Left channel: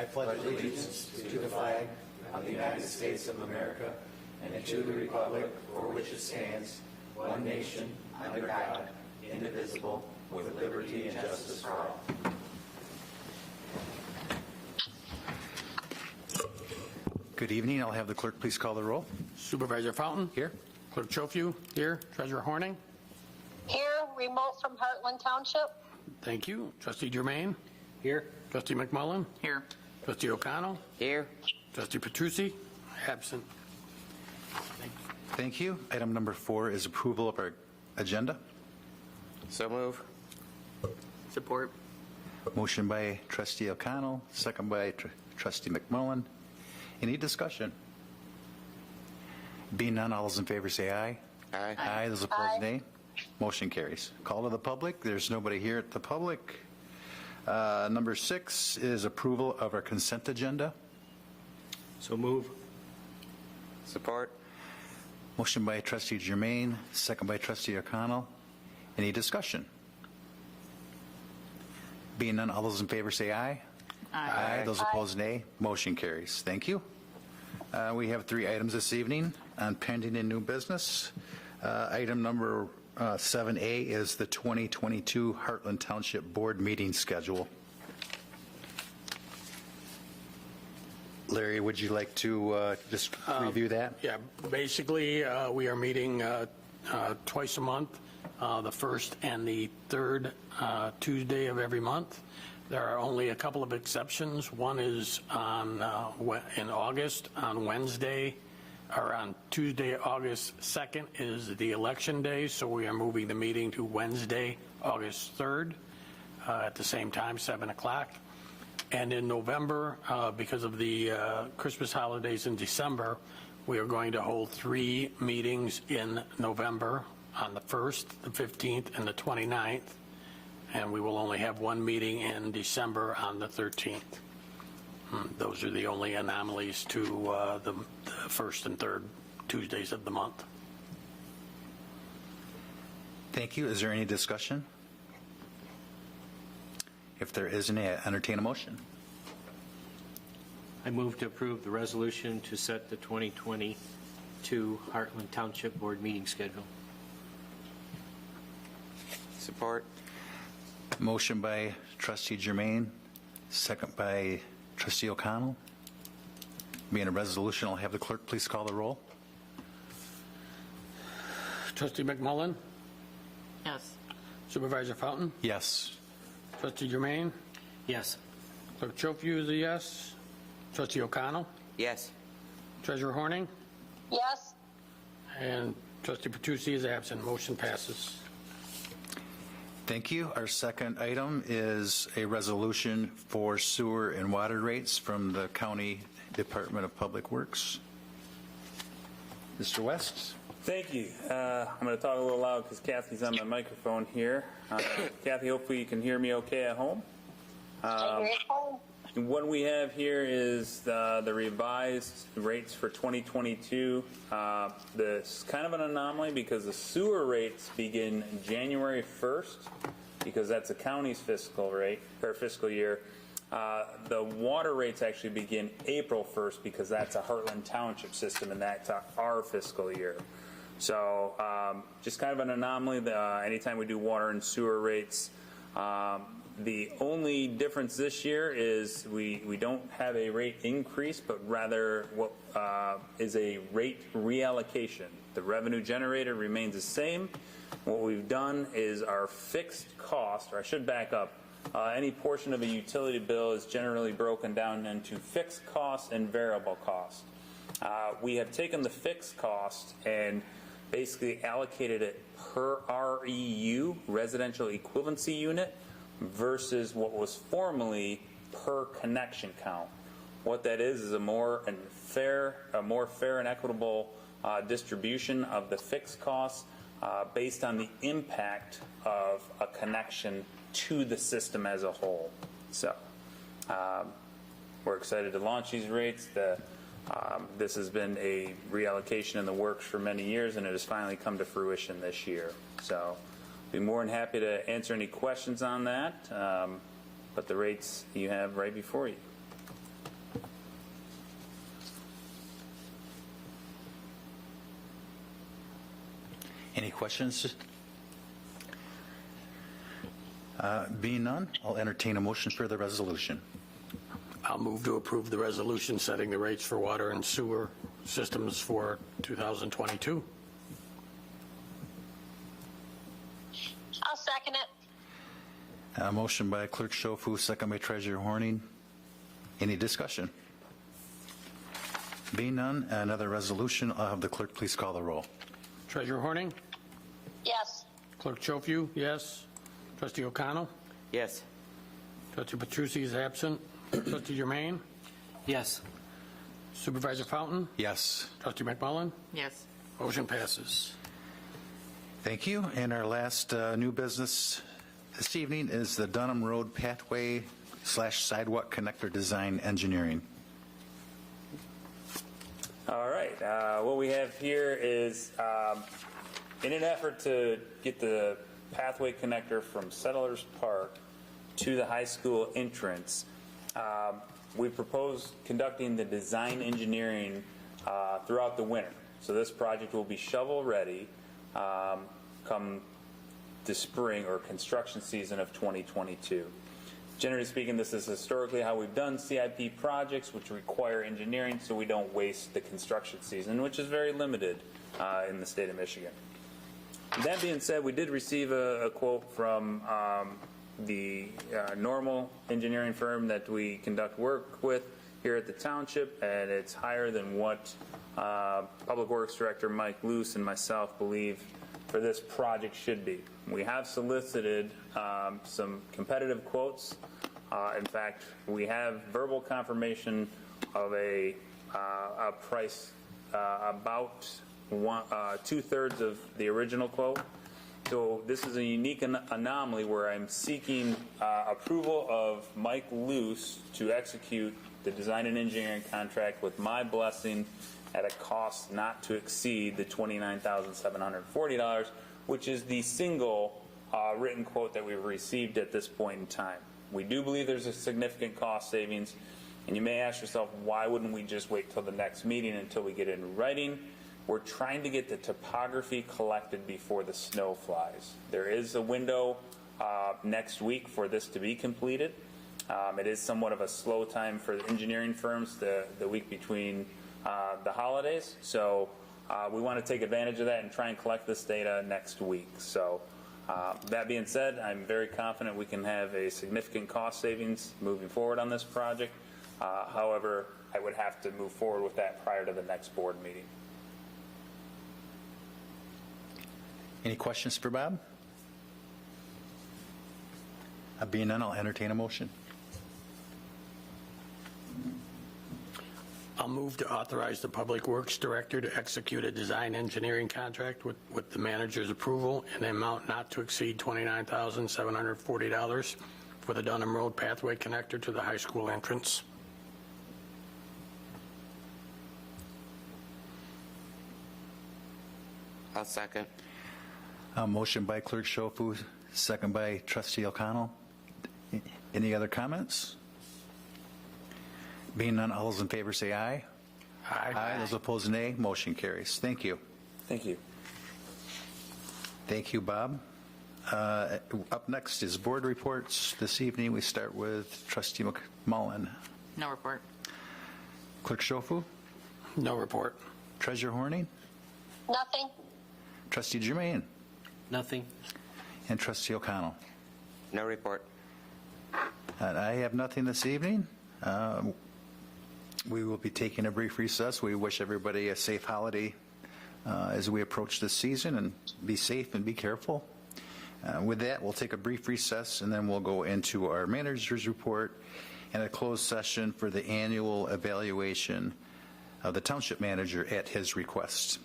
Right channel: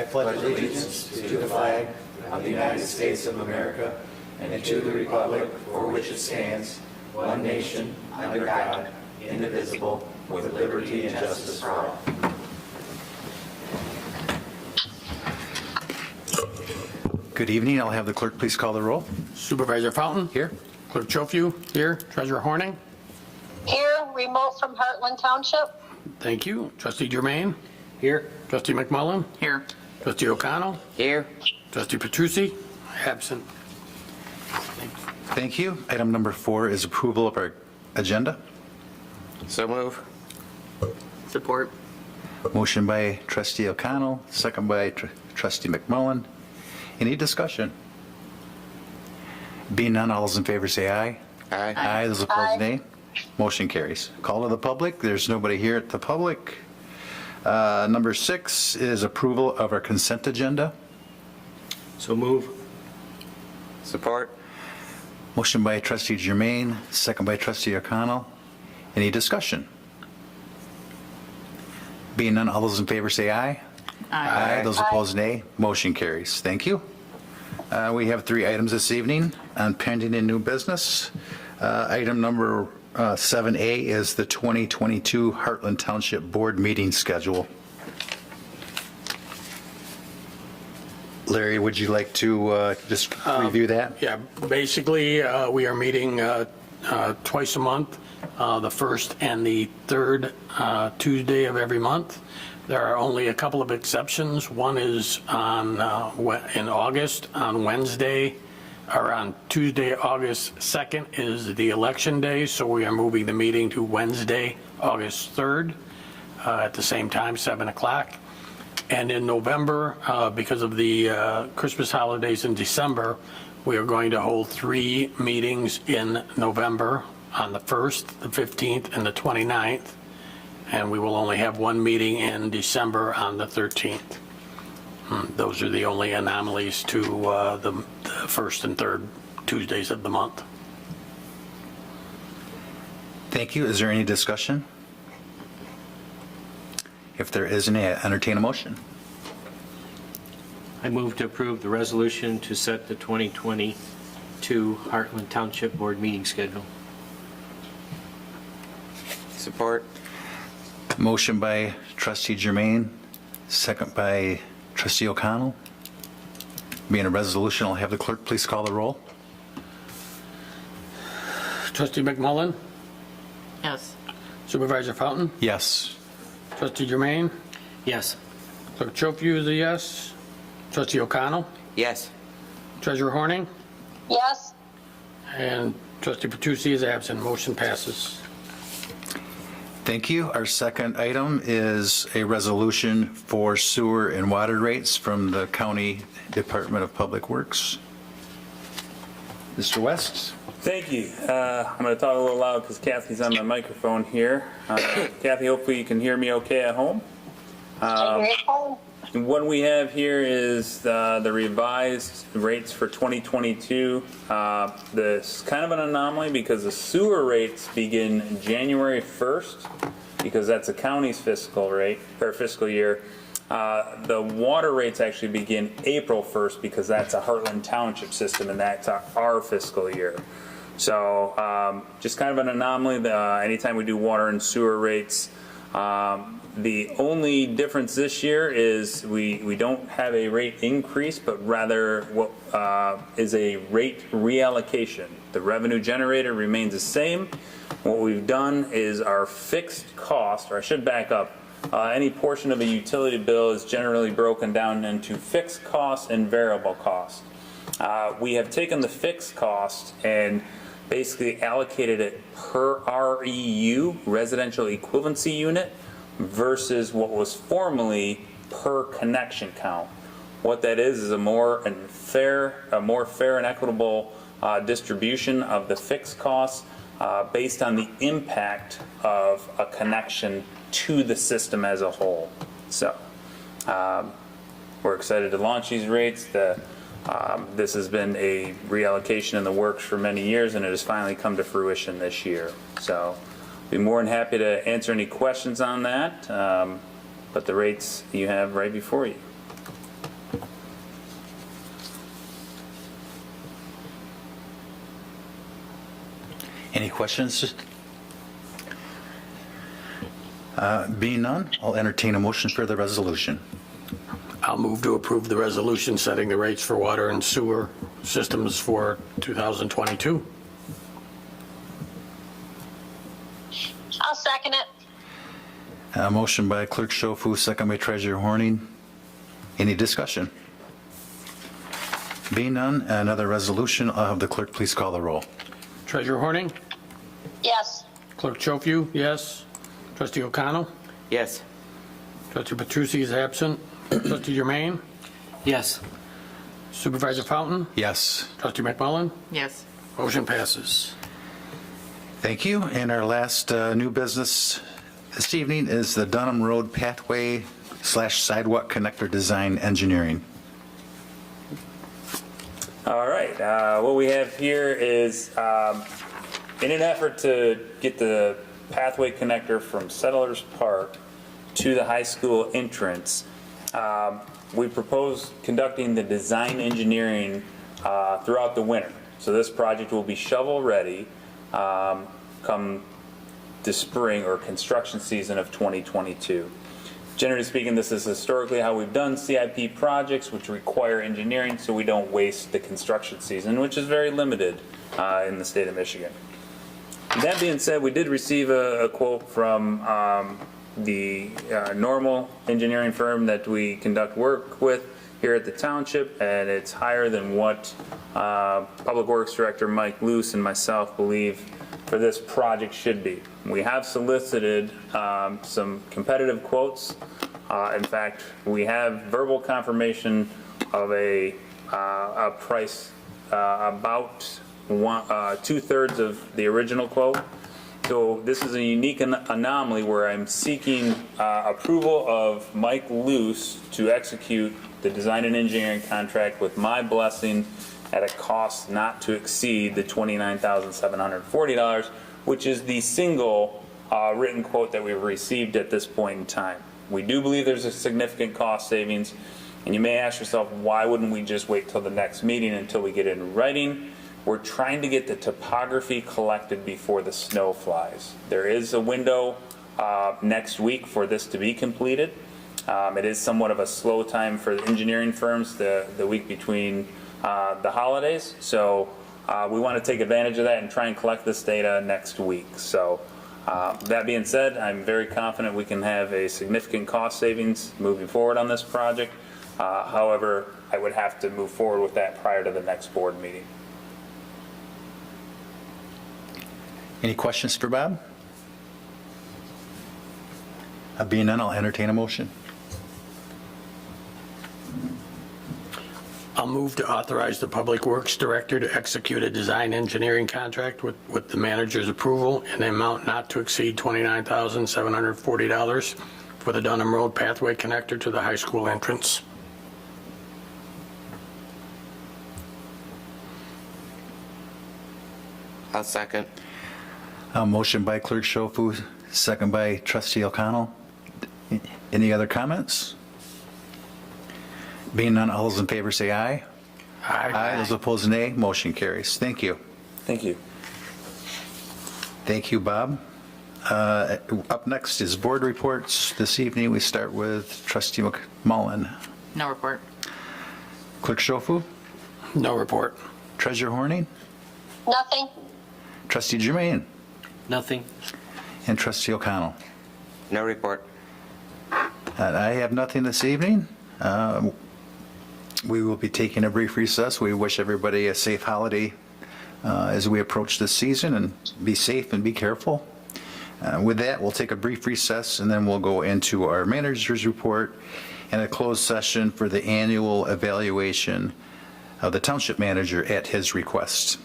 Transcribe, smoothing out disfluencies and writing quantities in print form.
I pledge allegiance to the flag of the United States of America and to the republic for which it stands, one nation, under God, indivisible, with liberty and justice for all. Good evening. I'll have the clerk please call the roll. Supervisor Fountain? Here. Clerk Chofiu? Here. Treasurer Horning? Here, remote from Heartland Township. Thank you. Trustee Germain? Here. Trustee McMullen? Here. Trustee O'Connell? Here. Trustee Petrucci? Absent. Thank you. Item number 4 is approval of our agenda. So move. Support. Motion by trustee O'Connell, second by trustee McMullen. Any discussion? Being none, all those in favor say aye. Aye. Aye. Those opposed, Aye. nay. Motion carries. Call to the public. There's nobody here at the public. Number 6 is approval of our consent agenda. So move. Support. Motion by trustee Germain, second by trustee O'Connell. Any discussion? Being none, all those in favor say aye. Aye. Those opposed, nay. Motion carries. Thank you. We have 3 items this evening on pending and new business. Item number 7A is the 2022 Heartland Township Board meeting schedule. Larry, would you like to just review that? Yeah, basically, we are meeting twice a month, the first and the third Tuesday of every month. There are only a couple of exceptions. One is on in August, on Wednesday, or on Tuesday, August 2nd is the election day, so we are moving the meeting to Wednesday, August 3rd, at the same time, 7 o'clock. And in November, because of the Christmas holidays in December, we are going to hold 3 meetings in November on the 1st, the 15th, and the 29th. And we will only have 1 meeting in December on the 13th. Those are the only anomalies to the first and third Tuesdays of the month. Thank you. Is there any discussion? If there isn't, entertain a motion. I move to approve the resolution to set the 2022 Heartland Township Board meeting schedule. Support. Motion by trustee Germain, second by trustee O'Connell. Being a resolution, I'll have the clerk please call the roll. Trustee McMullen? Yes. Supervisor Fountain? Yes. Trustee Germain? Yes. Clerk Chofiu is a yes. Trustee O'Connell? Yes. Treasurer Horning? Yes. And Trustee Petrucci is absent. Motion passes. Thank you. Our second item is a resolution for sewer and water rates from the County Department of Public Works. Mr. West? Thank you. I'm going to talk a little loud because Kathy's on my microphone here. Kathy, hopefully you can hear me okay at home. And what we have here is the revised rates for 2022. This is kind of an anomaly because the sewer rates begin January 1st because that's the county's fiscal rate or fiscal year. The water rates actually begin April 1st because that's a Heartland Township system and that's our fiscal year. So just kind of an anomaly. Anytime we do water and sewer rates, the only difference this year is we don't have a rate increase, but rather what is a rate reallocation. The revenue generator remains the same. What we've done is our fixed cost, or I should back up, any portion of a utility bill is generally broken down into fixed cost and variable cost. We have taken the fixed cost and basically allocated it per REU, residential equivalency unit, versus what was formerly per connection count. What that is a more fair and equitable distribution of the fixed costs based on the impact of a connection to the system as a whole. So we're excited to launch these rates. This has been a reallocation in the works for many years, and it has finally come to fruition this year. So be more than happy to answer any questions on that, but the rates you have right before you. questions? Being none, I'll entertain a motion for the resolution. I'll move to approve the resolution setting the rates for water and sewer systems for 2022. I'll second it. A motion by Clerk Schofield, second by Treasurer Horning. Any discussion? Being none, another resolution, I'll have the clerk please call the roll. Treasurer Horning? Yes. Clerk Schofield, yes. Trustee O'Connell? Yes. Trustee Petrucci is absent. Trustee Germain? Yes. Supervisor Fountain? Yes. Trustee McMullen? Yes. Motion passes. Thank you. And our last new business this evening is the Dunham Road Pathway / Sidewalk Connector Design Engineering. All right, what we have here is, in an effort to get the pathway connector from Settlers Park to the high school entrance, we propose conducting the design engineering throughout the winter. So this project will be shovel-ready come the spring or construction season of 2022. Generally speaking, this is historically how we've done CIP projects, which require engineering so we don't waste the construction season, which is very limited in the state of Michigan. That being said, we did receive a quote from the normal engineering firm that we conduct work with here at the township, and it's higher than what Public Works Director Mike Luce and myself believe for this project should be. We have solicited some competitive quotes. In fact, we have verbal confirmation of a price about 2/3 of the original quote. So this is a unique anomaly where I'm seeking approval of Mike Luce to execute the design and engineering contract with my blessing at a cost not to exceed the $29,740, which is the single written quote that we've received at this point in time. We do believe there's a significant cost savings, and you may ask yourself, why wouldn't we just wait till the next meeting until we get it in writing? We're trying to get the topography collected before the snow flies. There is a window next week for this to be completed. It is somewhat of a slow time for the engineering firms the week between the holidays. So we want to take advantage of that and try and collect this data next week. So that being said, I'm very confident we can have a significant cost savings moving forward on this project. However, I would have to move forward with that prior to the next board meeting. Any questions for Bob? Being none, I'll entertain a motion. I'll move to authorize the Public Works Director to execute a design engineering contract with the manager's approval in an amount not to exceed $29,740 for the Dunham Road Pathway Connector to the high school entrance. I'll second. A motion by Clerk Schofield, second by Trustee O'Connell. Any other comments? Being none, all those in favor say aye. Aye. Those opposed, nay. Motion carries. Thank you. Thank you. Thank you, Bob. Up next is board reports. This evening, we start with Trustee McMullen. No report. Clerk Schofield, No report. Treasurer Horning, Nothing. Trustee Germain, Nothing. and Trustee O'Connell. No report. I have nothing this evening. We will be taking a brief recess. We wish everybody a safe holiday as we approach this season, and be safe and be careful. With that, we'll take a brief recess, and then we'll go into our manager's report and a closed session for the annual evaluation of the township manager at his request.